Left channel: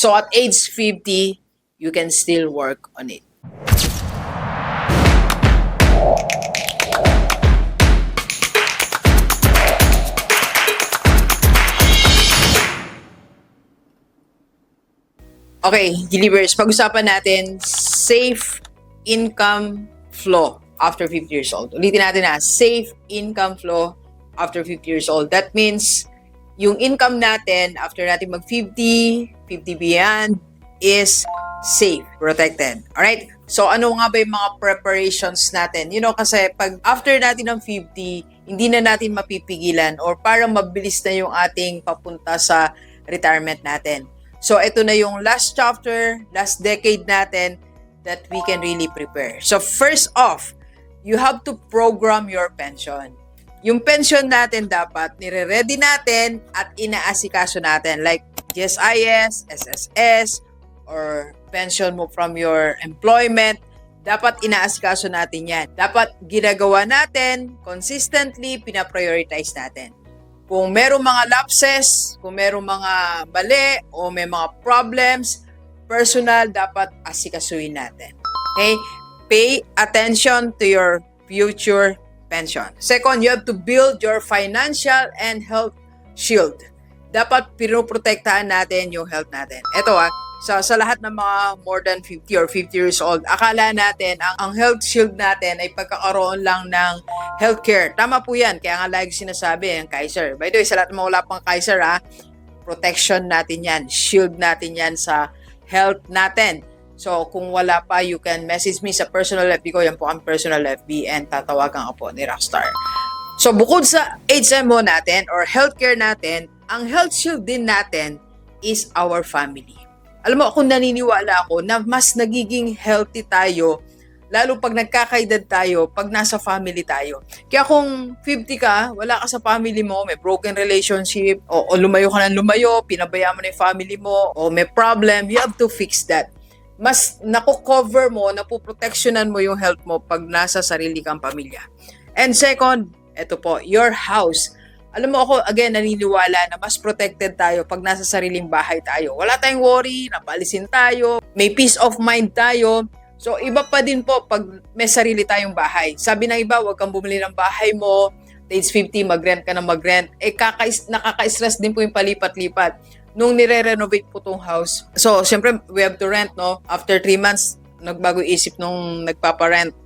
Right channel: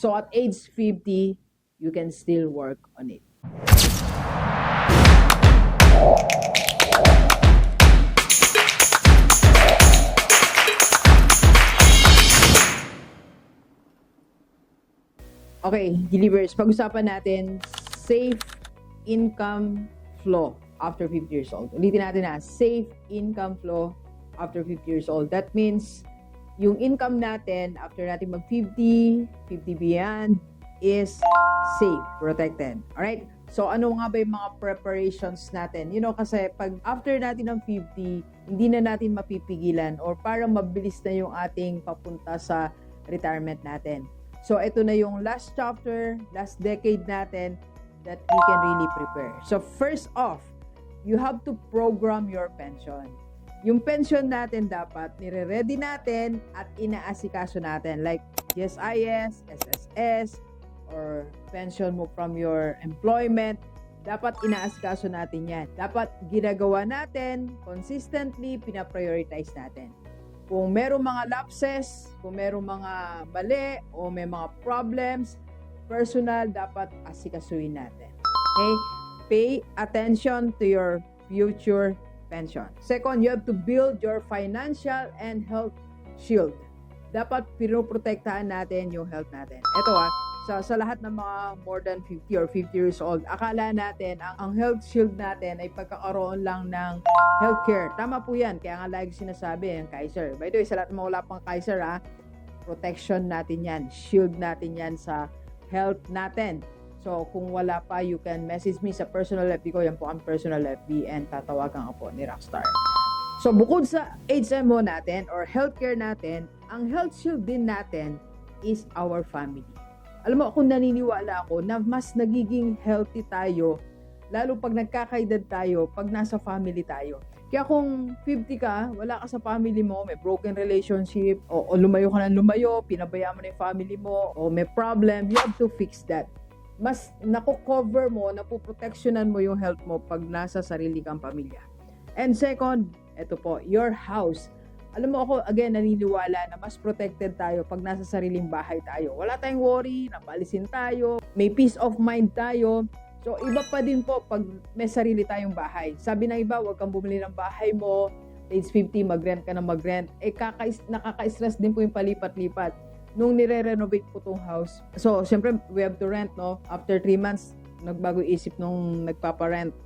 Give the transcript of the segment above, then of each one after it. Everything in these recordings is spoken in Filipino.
So at age 50, you can still work on it. Okay, Delivers, pag-usapan natin safe income flow after 50 years old. Ulitin natin safe income flow after 50 years old. That means yung income natin after natin mag-50, 50 beyond is safe, protected. Alright? So ano nga ba yung mga preparations natin? You know, kasi pag after natin ng 50, hindi na natin mapipigilan or parang mabilis na yung ating papunta sa retirement natin. So, ito na yung last chapter, last decade natin that we can really prepare. So, first off, you have to program your pension. Yung pension natin dapat nire-ready natin at inaasikaso natin like GSIS, SSS, or pension mo from your employment. Dapat inaasikaso natin yan. Dapat ginagawa natin, consistently, pinaprioritize natin. Kung merong mga lapses, kung merong mga mali, o may mga problems, personal, dapat asikasuhin natin. Okay? Pay attention to your future pension. Second, you have to build your financial and health shield. Dapat pinoprotektahan natin yung health natin. Ito sa lahat ng mga more than 50 or 50 years old, akala natin ang health shield natin ay pagkakaroon lang ng healthcare. Tama po yan. Kaya nga lagi sinasabi, ang Kaiser. By the way, sa lahat ng mga wala pang Kaiser, protection natin yan. Shield natin yan sa health natin. So, kung wala pa, you can message me sa personal FB ko. Yan po ang personal FB and tatawagan ka po ni Rockstar. So, bukod sa HMO natin or healthcare natin, ang health shield din natin is our family. Alam mo, ako naniniwala ako na mas nagiging healthy tayo lalo pag nagkakaedad tayo, pag nasa family tayo. Kaya kung 50 ka, wala ka sa family mo, may broken relationship, o lumayo ka ng lumayo, pinabayaan mo na yung family mo, o may problem, you have to fix that. Mas nakukover mo, napuproteksyonan mo yung health mo pag nasa sarili kang pamilya. And second, eto po, your house. Alam mo ako, again, naniniwala na mas protected tayo pag nasa sariling bahay tayo. Wala tayong worry, napalisin tayo, may peace of mind tayo. So, iba pa din po pag may sarili tayong bahay. Sabi ng iba, huwag kang bumili ng bahay mo, age 50, mag-rent ka na mag-rent. Nakaka-stress din po yung palipat-lipat. Nung nire-renovate po tong house. So, siyempre, we have to rent, no? After 3 months, nagbago isip nung nagpapa-rent.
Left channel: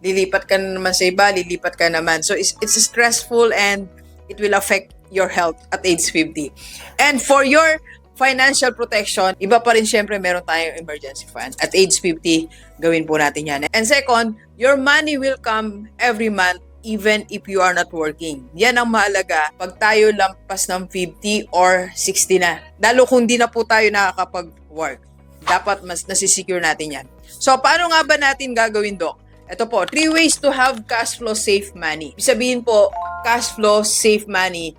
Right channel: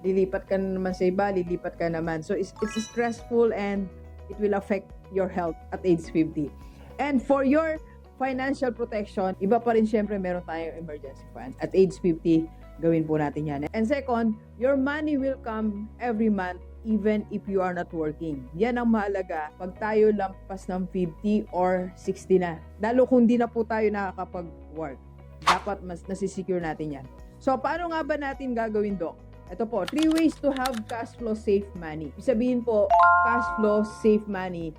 Lilipat ka na naman sa iba, lilipat ka naman. So, it's stressful and it will affect your health at age 50. And for your financial protection, iba pa rin syempre meron tayong emergency fund. At age 50, gawin po natin yan. And second, your money will come every month even if you are not working. Yan ang mahalaga pag tayo lampas ng 50 or 60 na. Lalo kung di na po tayo nakakapag-work. Dapat mas nasisecure natin yan. So, paano nga ba natin gagawin, Doc? Ito po, 3 ways to have cash flow safe money. Sabihin po, cash flow safe money,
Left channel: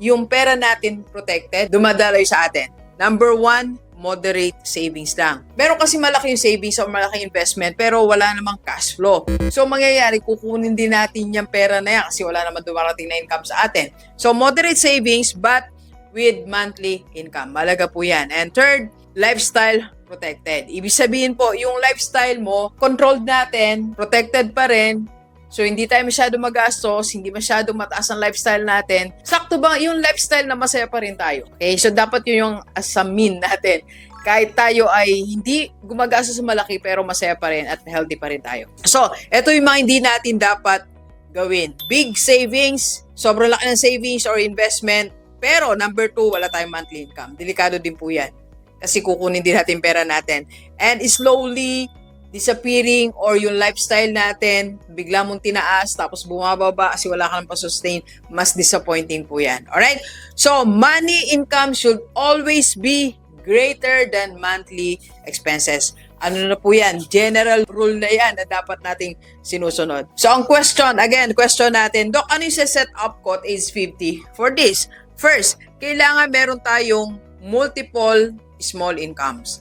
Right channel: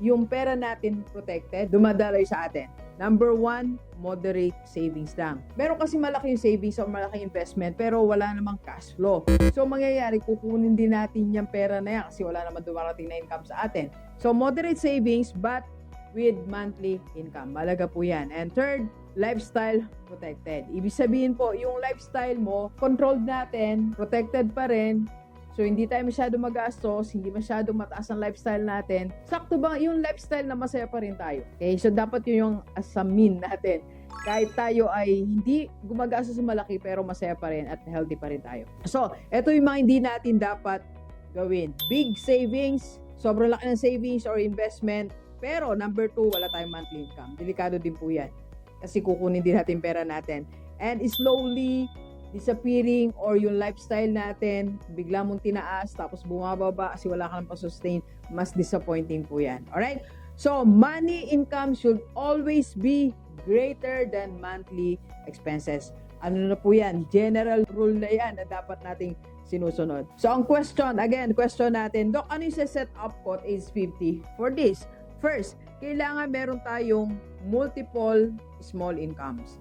yung pera natin protected, dumadaloy sa atin. Number 1, moderate savings lang. Meron kasi malaki yung savings o malaking investment pero wala namang cash flow. So, mangyayari, kukunin din natin yung pera na yan kasi wala naman dumarating na income sa atin. So, moderate savings but with monthly income. Malaga po yan. And third, lifestyle protected. Ibig sabihin po, yung lifestyle mo, controlled natin, protected pa rin. So, hindi tayo masyado magastos, hindi masyado mataas ang lifestyle natin. Sakto ba yung lifestyle na masaya pa rin tayo? Okay, so dapat yun yung asamin natin. Kahit tayo ay hindi gumagastos sa malaki, pero masaya pa rin at healthy pa rin tayo. So, eto yung mga hindi natin dapat gawin. Big savings, sobrang laki ng savings or investment, pero number 2, wala tayong monthly income. Delikado din po yan. Kasi kukunin din natin pera natin. And slowly disappearing or yung lifestyle natin, bigla mong tinaas, tapos bumababa kasi wala ka nang pa-sustain, mas disappointing po yan. Alright? So, money income should always be greater than monthly expenses. Ano na po yan? General rule na yan na dapat nating sinusunod. So, ang question natin, Doc, ano yung set up ko at age 50 for this? First, kailangan meron tayong multiple small incomes.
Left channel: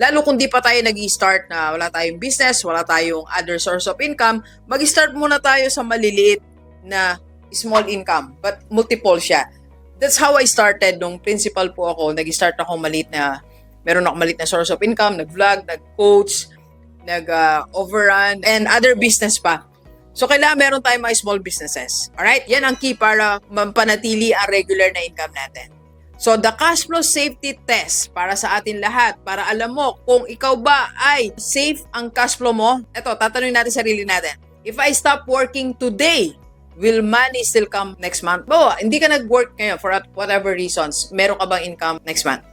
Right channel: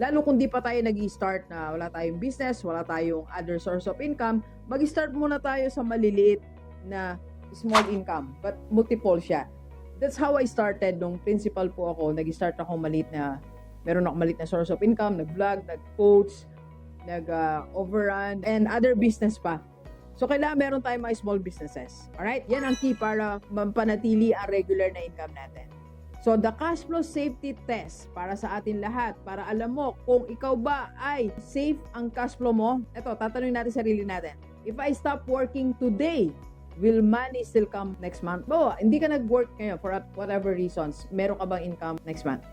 Lalo kung di pa tayo nag-i-start na wala tayong business, wala tayong other source of income, mag-start muna tayo sa maliliit na small income, but multiple siya. That's how I started nung principal po ako. Nag-start ako maliit na meron ako maliit na source of income, nag-vlog, nag-coach, nag-overrun, and other business pa. So, kailangan meron tayong mga small businesses. Alright? Yan ang key para mampanatili ang regular na income natin. So, the cash flow safety test para sa atin lahat, para alam mo kung ikaw ba ay safe ang cash flow mo. Ito, tatanungin natin sarili natin. If I stop working today, will money still come next month? Hindi ka nag-work ngayon for whatever reasons. Meron ka bang income next month?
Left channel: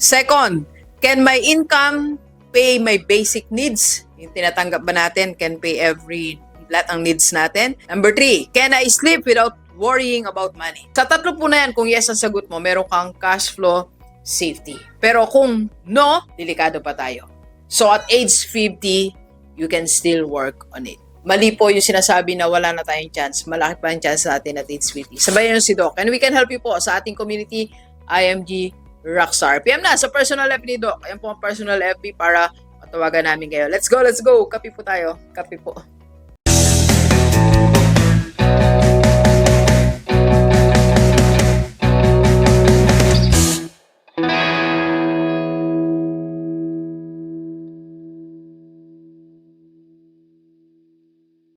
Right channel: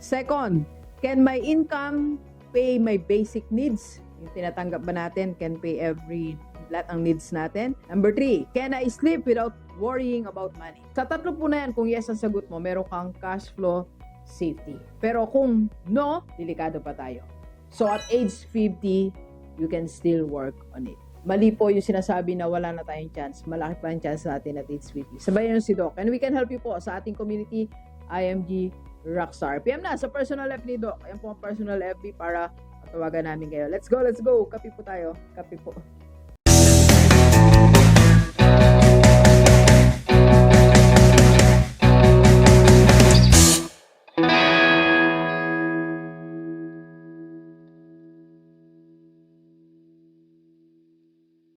Second, can my income pay my basic needs? Yung tinatanggap ba natin can pay lahat ang needs natin? Number 3, can I sleep without worrying about money? Sa tatlo po na yan, kung yes ang sagot mo, meron kang cash flow safety. Pero kung no, delikado pa tayo. So at age 50, you can still work on it. Mali po yung sinasabi na wala na tayong chance. Malaki pa yung chance natin at age 50. Sabayan nyo si Doc. And we can help you po sa ating community, IMG Rockstar. PM na sa personal FB ni Doc. Ayan po ang personal FB para matawagan namin kayo. Let's go, let's go. Kape po tayo. Kape po.